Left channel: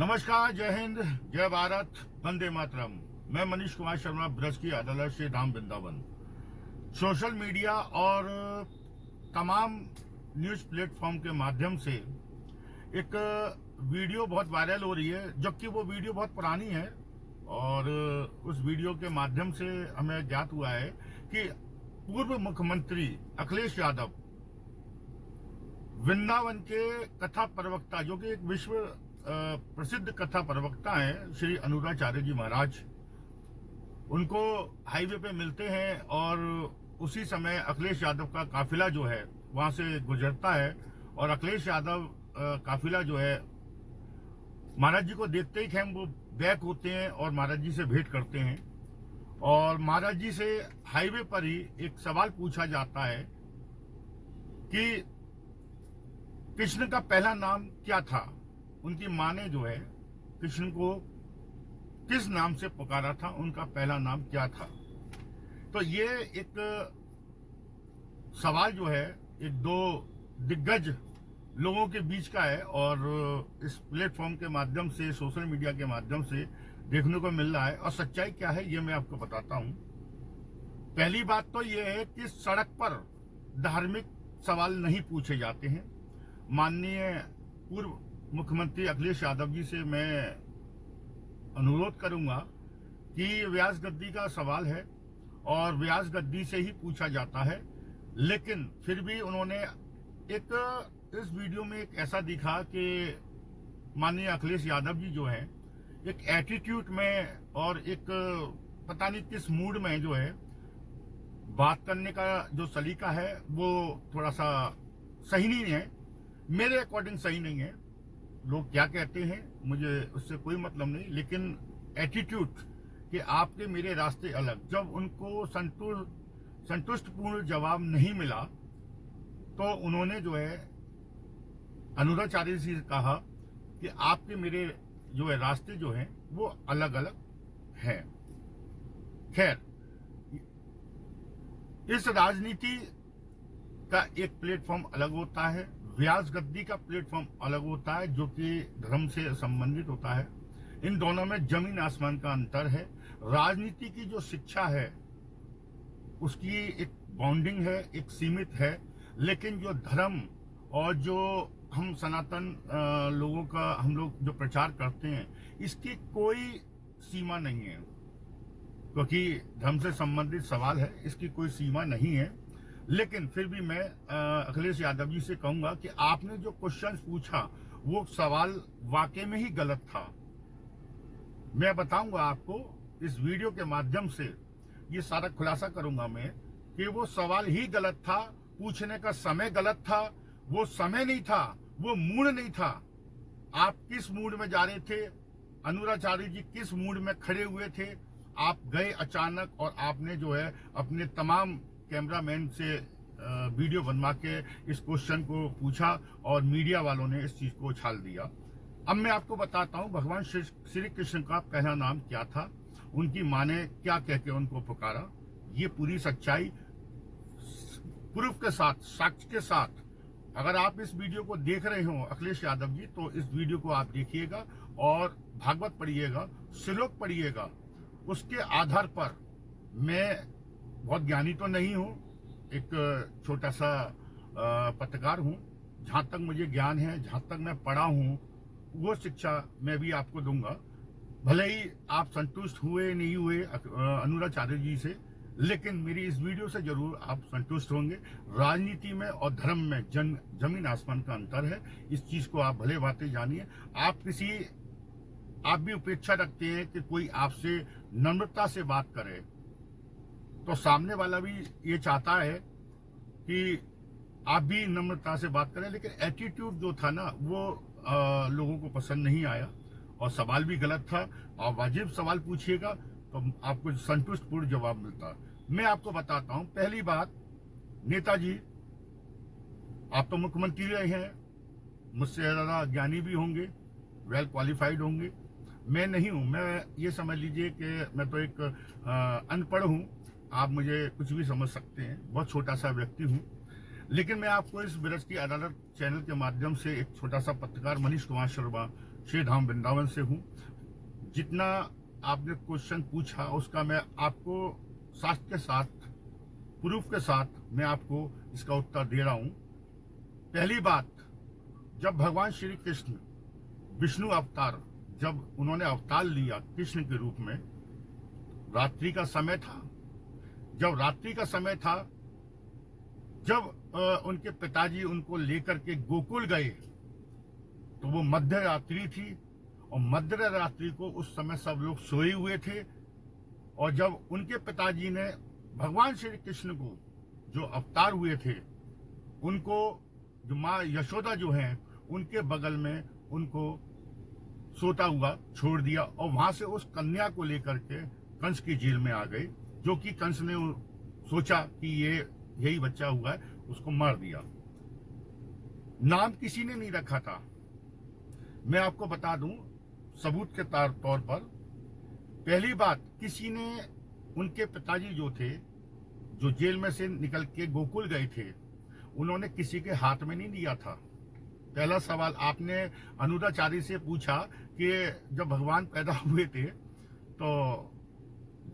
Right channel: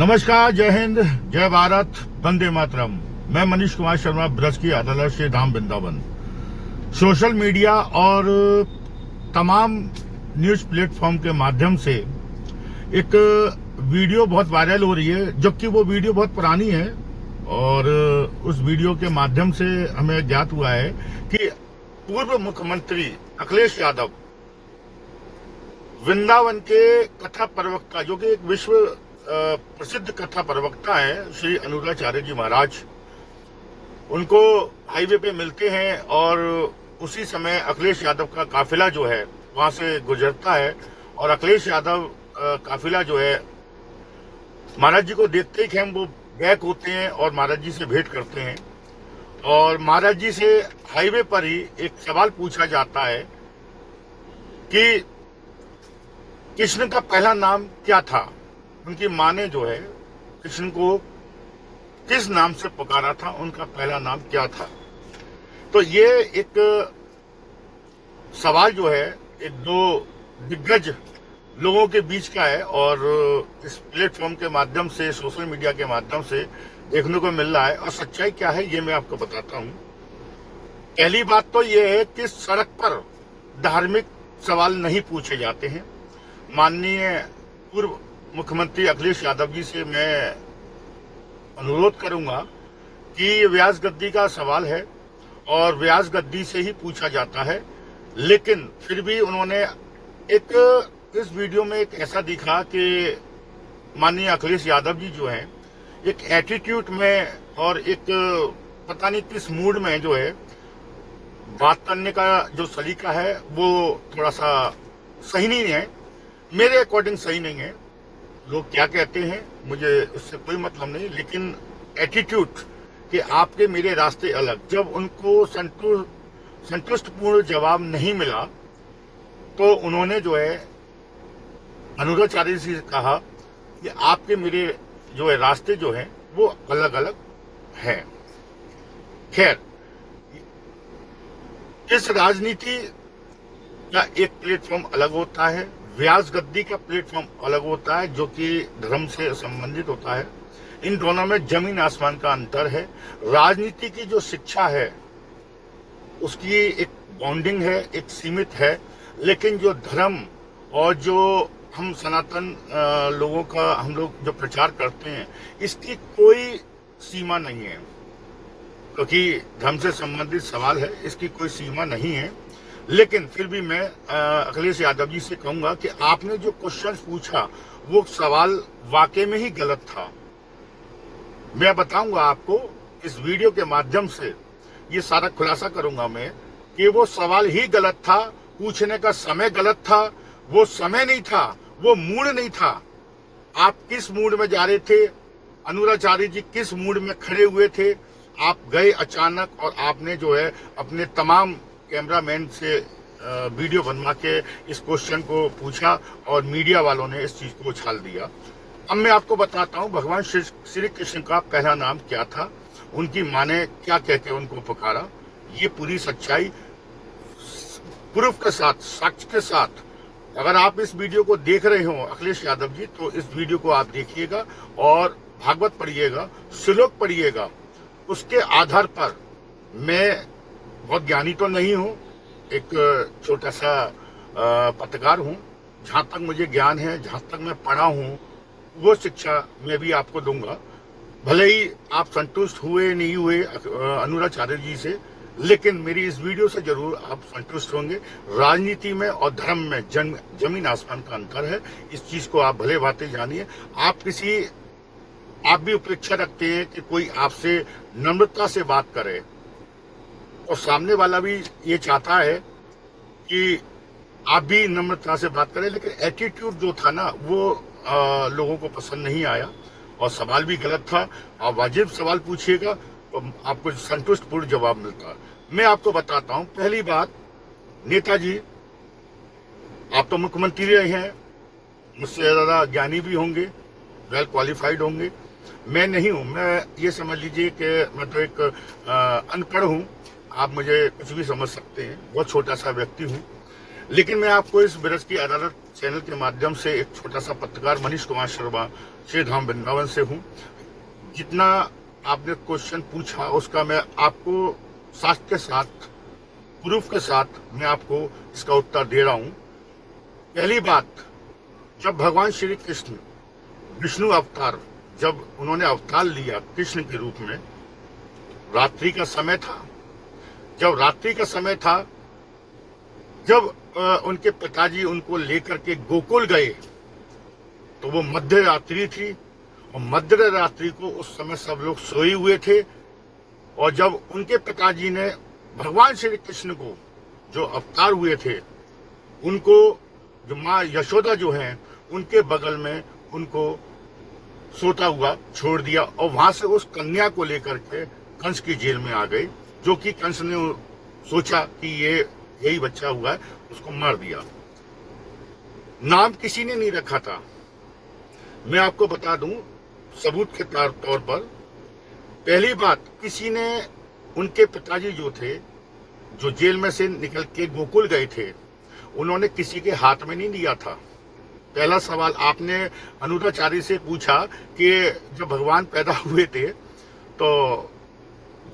नमस्कार, जय हिंद, जय भारत, वंदे मातरम। मैं मनीष कुमार शर्मा, ब्रज की अदालत से धाम वृंदावन। सोशल मीडिया और तमाम न्यूज प्लेटफॉर्म के माध्यम से एक वीडियो बहुत वायरल हो रही है, जबकि वो वीडियो बहुत पुरानी है। और उस वीडियो के माध्यम से हमें ज्ञात हुआ है कि पूर्व मुख्यमंत्री अखिलेश यादव वृंदावन के कथा प्रवक्ता, जो कि एक विश्व प्रसिद्ध कथा प्रवक्ता है, श्री अनुराचार्य जी महाराज, उनको हाईवे पे मिलते हैं और उसी समय अखिलेश यादव का काफिला जो है वहां से गुजरता है। और अखिलेश यादव काफिला जो है महाराज जी को देखते ही हम वो बैक होते हैं और महाराज जी से भेंट करते हैं। और महाराज जी से हाईवे पर ही एक सवाल पूछा जाता है कि कृष्ण का पहला नाम क्या था। उनकी माँ ने जो है कृष्ण को किस नाम से पुकारा था, उनका पहला नाम क्या था। तो ये एक सवाल जो है एक दो दिग्गज लोगों के बीच का है और इस प्लेटफॉर्म के माध्यम से, सोशल मीडिया के माध्यम से देखने को मिल रहा है। और सच्चाई क्या है ये मैं आपको बताता हूं। पहली बात तो ये है कि सड़क पर धार्मिक सवाल नहीं पूछे जाते हैं। माननीय पूर्व मुख्यमंत्री अखिलेश यादव जी से मैं अनुरोध करूंगा कि ये व्यास गद्दी का सवाल है और व्यास गद्दी से ही पूछा जाता है। लेकिन फिर भी उन्होंने इस वीडियो में एक ऐसा दिखा कि माननीय अखिलेश यादव जी जो हैं एक एटीट्यूड में और एक पता नहीं किस मूड में जो है बात करने का जो सलीका है वो थोड़ा सा सही नहीं है, मेरे अकॉर्डिंग सही नहीं है। लोग क्या कहते हैं मुझे उससे कोई मतलब नहीं, लेकिन एटीट्यूड कि आपके मेरे रास्ते अलग, जब उनको संतुष्टपूर्ण जवाब नहीं मिला तो उन्होंने जो है अनुराचार्य जी से कहा कि आपके मेरे जो है रास्ते जो है वो अलग अलग हैं। खैर, इस राजनीति का एक प्लेटफॉर्म अलग होता है, व्यास गद्दी का प्लेटफॉर्म अलग होता है जो कि धर्म से संबंधित होता है। इन दोनों में जमीन आसमान का अंतर है। राजनीति की जो शिक्षा है उसकी एक बाउंडिंग है, एक सीमित है, लेकिन जो धर्म और जो हम सनातन लोगों का हम लोग जो प्रचार करते हैं इसकी कोई सीमा नहीं है, क्योंकि धर्म से संबंधित सवाल है, इसकी कोई सीमा नहीं है। लेकिन फिर भी मैं अखिलेश यादव जी से कहूंगा कि आपने जो क्वेश्चन पूछा वो सवाल वाकई में ही गलत था। मैं बताऊंगा आपको इस वीडियो के माध्यम से, ये सारा खुलासा करूंगा मैं कि वो सवाल ही गलत था, पूछने का समय गलत था, वो समय नहीं था, वो मूड नहीं था। आप किस मूड में जा रहे थे, अनुराचार्य जी किस मूड में खड़े हुए थे, आप गए अचानक और आपने जो है अपने तमाम कैमरामैन से वीडियो बनवा के इस क्वेश्चन को पूछा और मीडिया वालों ने इस चीज को उछाल दिया। अब मैं आपको बताता हूं भगवान श्री कृष्ण का पहला नाम क्या था, उनकी मां ने क्या कह के उनको पुकारा। ये पूरी सच्चाई प्रूफ के साथ, साक्ष्य के साथ, अगर आप इस वीडियो को देख रहे हो अखिलेश यादव जी, तो इस वीडियो को आप देखिएगा और भागवत पढ़िएगा, श्लोक पढ़िएगा। उसके आधार पर, मैं बहुत ज्ञानी तो नहीं हूं, एक छोटा सा पत्रकार हूं, जहां तक मुझे ज्ञान है, जहां तक मैं पढ़ा हूं, वो शिक्षा मैं भी आपको दूंगा। भले ही आप संतुष्ट हुए नहीं हुए अनुराचार्य जी से, लेकिन मेरी इस वीडियो से जरूर आप संतुष्ट होंगे। राजनीति में और धर्म में जमीन आसमान का अंतर है, इस चीज को आप भले बातें जानिए। आप भी अपेक्षा रखते हैं कि कोई आपसे नम्रता से बात करे, और सामने वाला भी ये चाहता है कि आप भी नम्रता से बात करें, लेकिन एटीट्यूड जो था ना वो लोगों को पसंद नहीं आया और सवाल भी गलत था। और वाजिब सवाल पूछिएगा तो आपको संतुष्टपूर्ण जवाब मिलता। मैं आपको बताता हूं, पहली बात, नेताजी आप तो मुख्यमंत्री रहे हैं, मुझसे ज्यादा ज्ञानी भी होंगे, वेल क्वालिफाइड होंगे, मैं नहीं हूं। मैं ये समझ लीजिए कि मैं तो एक अनपढ़ हूं, आप मुझे कुछ भी समझ सकते हैं, बहुत छोटा सा व्यक्ति हूं। लेकिन मैं आपको इस ब्रज की अदालत चैनल के माध्यम से एक छोटा सा पत्रकार मनीष कुमार शर्मा श्री धाम वृंदावन से हूँ। जितना आपने क्वेश्चन पूछा उसका मैं आपको साथ के साथ प्रूफ के साथ मैं आपको इसका उत्तर दे रहा हूँ। पहली बात, जब भगवान श्री कृष्ण विष्णु अवतार जब उन्होंने अवतार लिया कृष्ण के रूप में, रात्रि का समय था। जब रात्रि का समय था, जब उनके पिताजी उनको लेकर के गोकुल गए तो वो मध्य रात्रि थी और मध्य रात्रि को उस समय सब लोग सोए हुए थे। और जब उनके पिताजी ने भगवान श्री कृष्ण को जो अवतार हुए थे उनको, जो माँ यशोदा जो हैं उनके बगल में उनको सोता हुआ छोड़ दिया और वहां से उस कन्या को लेकर के कंस की जेल में आ गए, जो कि कंस ने सोचा कि ये यही बच्चा हुआ है, उसको मार दिया। नाम किसी ने नहीं रखा था। मैं आपको बता दूं सबूत के तौर पर, पहली बात, किसी ने, उनके पिताजी जो थे जो जेल में से निकल के गोकुल गए थे, उन्होंने किसी के हाथ में नहीं दिया था। पहला सवाल आपने अनुराचार्य से पूछा कि जब भगवान पैदा हुए थे तो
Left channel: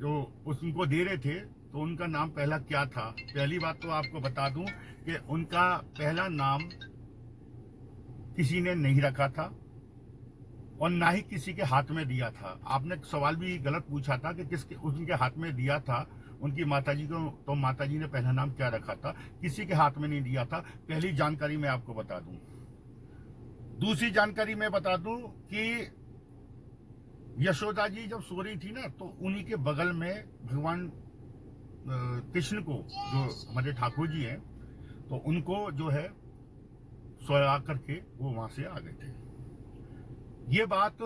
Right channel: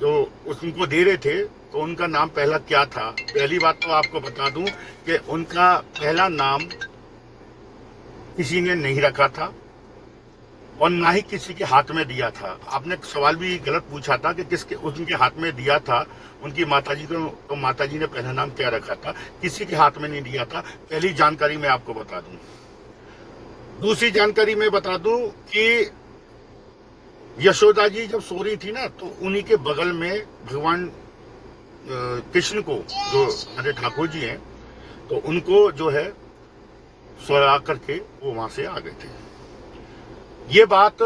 जो उनको दे रहे थे तो उनका नाम पहला क्या था। पहली बात तो आपको बता दूं कि उनका पहला नाम किसी ने नहीं रखा था और ना ही किसी के हाथ में दिया था। आपने सवाल भी गलत पूछा था कि किसके उनके हाथ में दिया था। उनकी माताजी को, तो माताजी ने पहला नाम क्या रखा था, किसी के हाथ में नहीं दिया था। पहली जानकारी मैं आपको बता दूं। दूसरी जानकारी मैं बता दूं कि यशोदा जी जब सो रही थी ना, तो उन्हीं के बगल में भगवान कृष्ण को, जो हमारे ठाकुर जी हैं, तो उनको जो है सोया करके वो वहां से आ गए थे। ये बात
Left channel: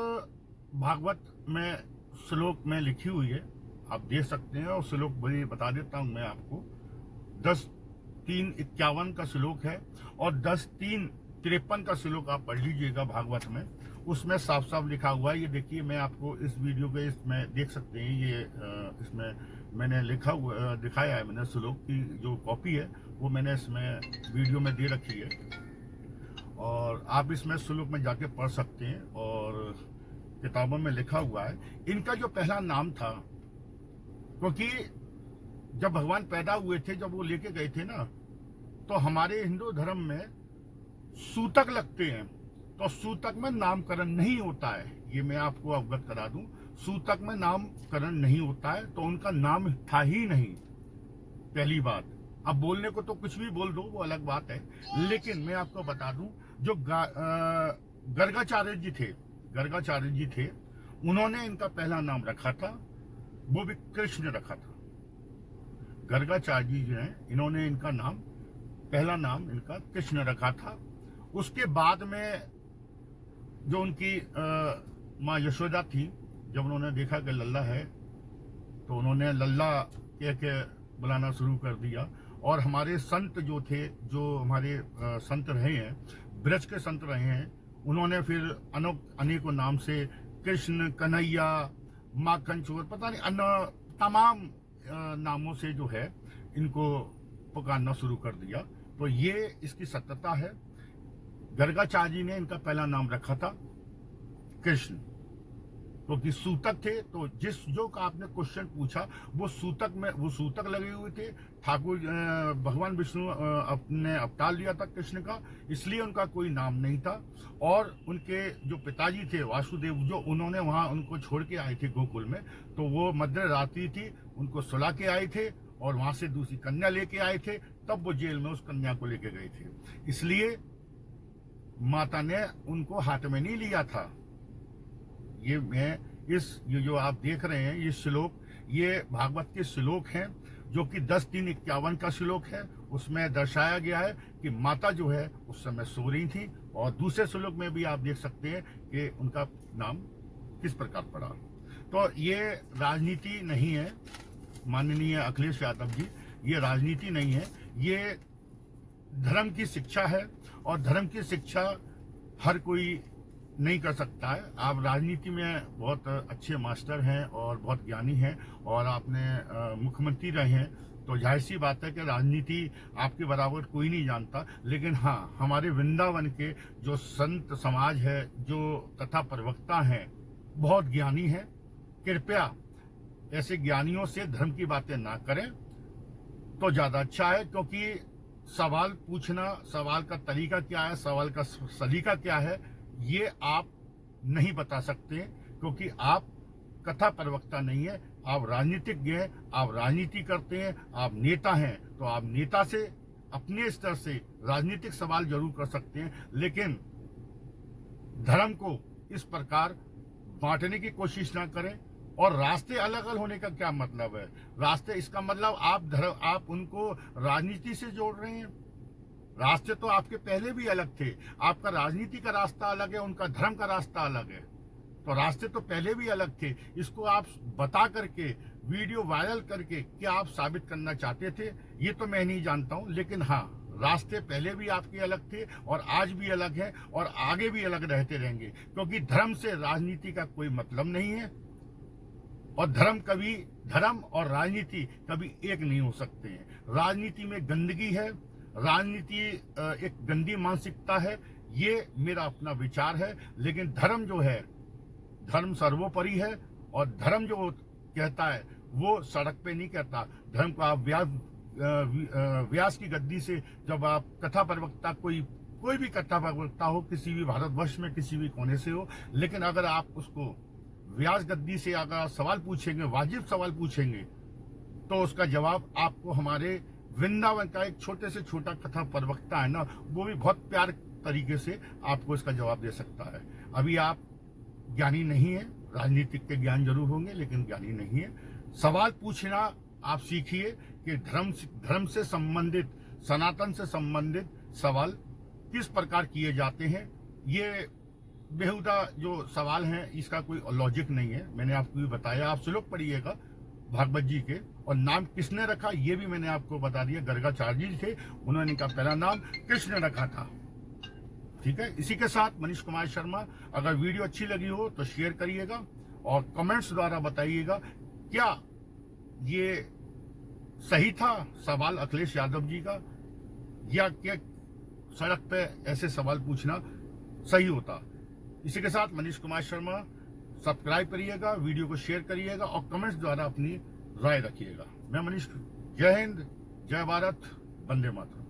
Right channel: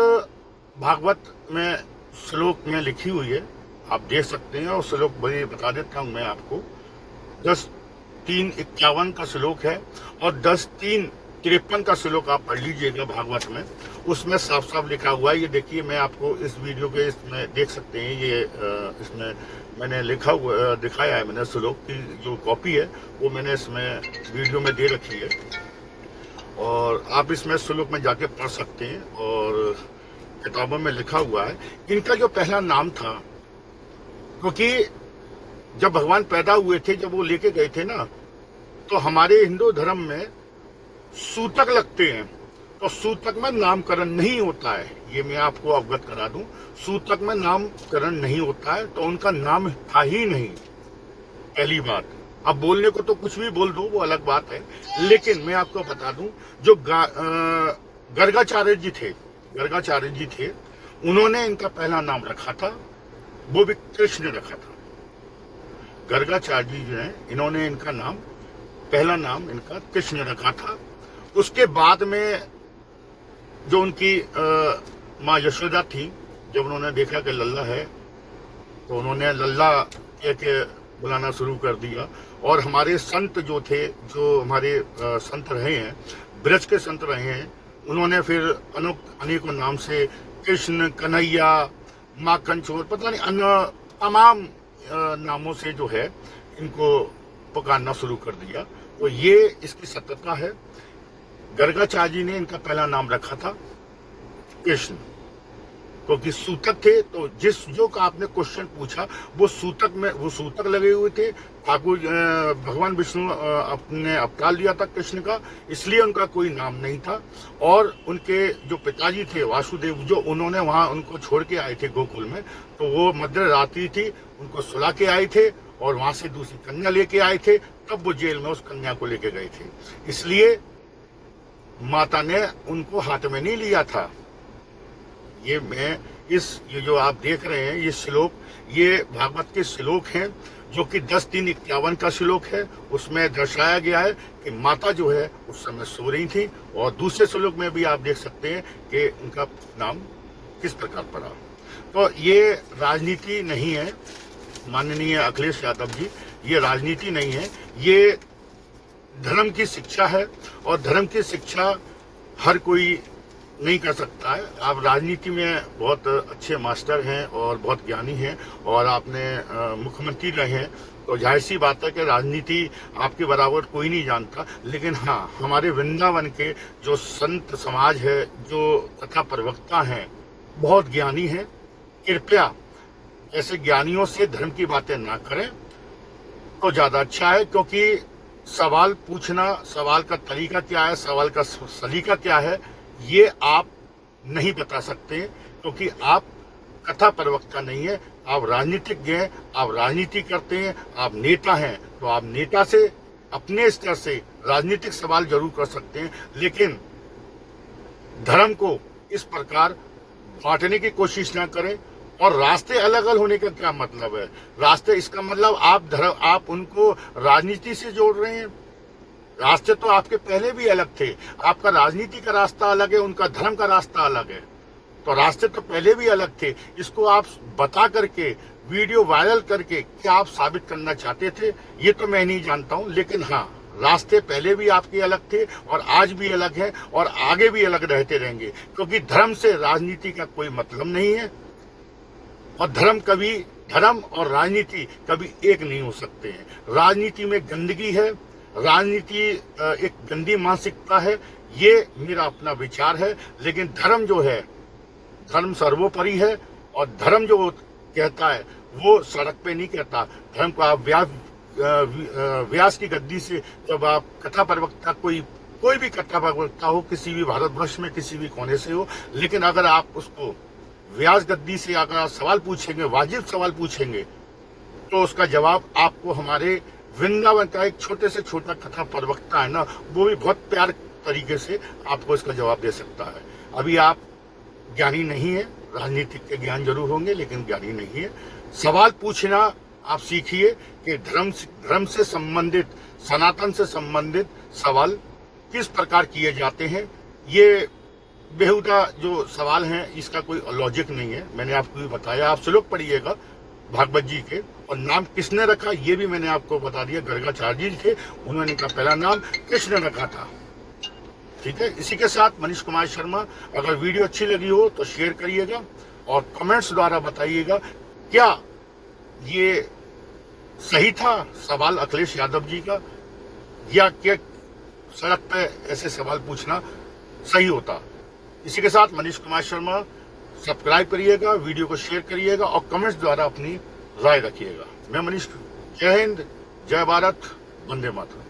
भागवत में श्लोक में लिखी हुई है, आप देख सकते हैं। और श्लोक बड़ी बता देता हूं मैं आपको। 10:3:51 का श्लोक है और 10:3:53 का श्लोक आप पढ़ लीजिएगा भागवत में। उसमें साफ साफ लिखा हुआ है। ये देखिए, मैं आपको इस वीडियो के इसमें देख सकते हैं। ये इसमें मैंने लिखा हुआ दिखाया है, मैंने श्लोक की जो कॉपी है वो मैंने इसमें वीडियो में दे रखी है और आप इसमें श्लोक में जाके पढ़ सकते हैं। और किताबों में लिखा हुआ है इनका जो पहला नाम था, क्योंकि जब भगवान पैदा हुए थे, जब वो लेके गए थे ना, तो हमारे हिंदू धर्म में सूतक लगते हैं और सूतक में नामकरण नहीं होता है। ये मैं आपको अवगत करा दूं, सूतक में नामकरण नहीं होता है, तो उनका नाम था ही नहीं। पहली बात। अब बोलने को तो कुछ भी बोल दो, वो अलग बात है, लेकिन मैं आपको बता दूं जो गर्गाचार्य जी थे, उन्होंने इनका पहला नाम रखा था, वो भी कृष्ण रखा था। गर्गाचार्य जी जो है, इन्होंने इनका नाम, पहला नाम इनका कृष्ण रखा था। उसके बाद में जो उनकी माँ यशोदा थी, जब उन्होंने देखा कि लल्ला है तो उन्होंने लल्ला कह के बुलाना शुरू कर दिया। और हमारे संत जो थे, जो हमारे संत रहे हैं, ब्रज के संत रहे हैं, उन्होंने फिर अनेकों नाम से कृष्ण, कन्हैया, माखन चोर, पता नहीं अन्य तमाम नामों से जो है इनको पुकारना शुरू कर दिया। तो ये इसकी सत्यता है। गर्गाचार्य जी ने इनका पहला नाम रखा था कृष्ण, क्योंकि सूतक थे। तो जो का आपने क्वेश्चन पूछा, वो सूतक लगे हुए थे। ठाकुर भगवान विष्णु अपने अवतार लिया था कृष्ण का, इसलिए उनका कोई नाम नहीं था। और उनके जो पिताजी थे वासुदेव, जो उन्होंने वहां उनको छोड़ के आए थे गोकुल में, तो वो मध्य रात्रि थी, उनको सुला के आए थे और वहां से दूसरी कन्या लेके आए थे, तब वो जेल में उस कन्या को लेके गए थे। इसलिए माता ने उनको हाथ में नहीं लिया था। ये जो आप देख रहे हैं ये श्लोक, ये भागवत के श्लोक हैं, जो कि 10:3:51 का श्लोक है। उसमें दर्शाया गया है कि माता जो है उस समय सो रही थी। और दूसरे श्लोक में भी आप देख सकते हैं कि उनका नाम किस प्रकार पड़ा। तो ये राजनीति नहीं है माननीय अखिलेश यादव जी, ये राजनीति नहीं है, ये धर्म की शिक्षा है। और धर्म की शिक्षा हर कोई नहीं कर सकता है। आप राजनीति में बहुत अच्छे मास्टर हैं और बहुत ज्ञानी हैं, और आपने मुख्यमंत्री रहे हैं, तो जाहिर सी बात है कि राजनीति आपके बराबर कोई नहीं जानता। लेकिन हाँ, हमारे वृंदावन के जो संत समाज है, जो कथा प्रवक्ता हैं, बहुत ज्ञानी हैं। कृपया ऐसे ज्ञानियों से धर्म की बातें ना करें तो ज़्यादा अच्छा है, क्योंकि सवाल पूछना, सवाल का तरीका क्या है, सवाल का सलीका क्या है, ये आप नहीं बता सकते, क्योंकि आप कथा प्रवक्ता नहीं है, आप राजनीतिज्ञ हैं, आप राजनीति करते हैं, आप नेता हैं। तो आप नेता से अपने स्तर से राजनीतिक सवाल जरूर कर सकते हैं, लेकिन धर्म को इस प्रकार बांटने की कोशिश ना करें। और रास्ते अलग अलग होने का क्या मतलब है? रास्ते, इसका मतलब आप उनको राजनीति से जोड़ रहे हैं। रास्ते तो आपके पहले भी अलग थे। आपका राजनीति का रास्ता अलग है, उनका धर्म का रास्ता अलग है। तो रास्ते तो पहले भी अलग थे। इसको आप बता करके, वीडियो वायरल करके क्या आप साबित करना चाहते थे, ये तो मैं नहीं जानता हूं। लेकिन हाँ, रास्ते पहले भी आपके अलग थे और आज भी अलग है और आगे भी अलग रहते रहेंगे, क्योंकि धर्म से राजनीति का कोई मतलब नहीं है। और धर्म और राजनीति कभी एक नहीं हो सकते हैं। राजनीति में गंदगी है, राजनीति एक गंदी मानसिकता है, ये मेरा अपना विचार है। लेकिन धर्म जो है, धर्म सर्वोपरि है। और धर्म जो कहता है वो सड़क पे नहीं कहता। धर्म को आप व्यास की गद्दी से, जब आप कथा प्रवक्ता, कोई भी कथा प्रवक्ता हो, किसी भी भारतवर्ष में किसी भी कोने से हो, लेकिन अगर आप उसको व्यास गद्दी से अगर आप सवाल पूछेंगे, वाजिब सवाल पूछेंगे, तो उसका जवाब आपको हमारे वृंदावन का एक छोटे से छोटा कथा प्रवक्ता है ना, वो भी बहुत प्यार तरीके से आपको इसका जवाब दे सकता है। अभी आप ज्ञानी नहीं है, राजनीतिक के ज्ञान जरूर होंगे लेकिन ज्ञानी नहीं है। सवाल पूछना आप सीखिए कि धर्म से संबंधित, सनातन से संबंधित सवाल किस प्रकार किए जाते हैं। ये बेहुदा जो सवाल हैं, इसका कोई लॉजिक नहीं है। मैंने आपको भी बताया, आप श्लोक पढ़िएगा भागवत जी के, और नाम किसने रखा ये भी मैंने आपको बता दिया। गर्गाचार्य जी थे, उन्होंने इनका पहला नाम कृष्ण रखा था। ठीक है, इसी के साथ मनीष कुमार शर्मा। अगर वीडियो अच्छी लगी हो तो शेयर करिएगा और कमेंट्स द्वारा बताइएगा क्या ये सही था सवाल अखिलेश यादव जी का, या क्या सड़क पे ऐसे सवाल पूछना सही होता। इसी के साथ मनीष कुमार शर्मा, सब्सक्राइब करिएगा, वीडियो को शेयर करिएगा और कमेंट्स द्वारा अपनी राय रखिएगा। मैं मनीष, जय हिंद, जय भारत, वंदे मातरम।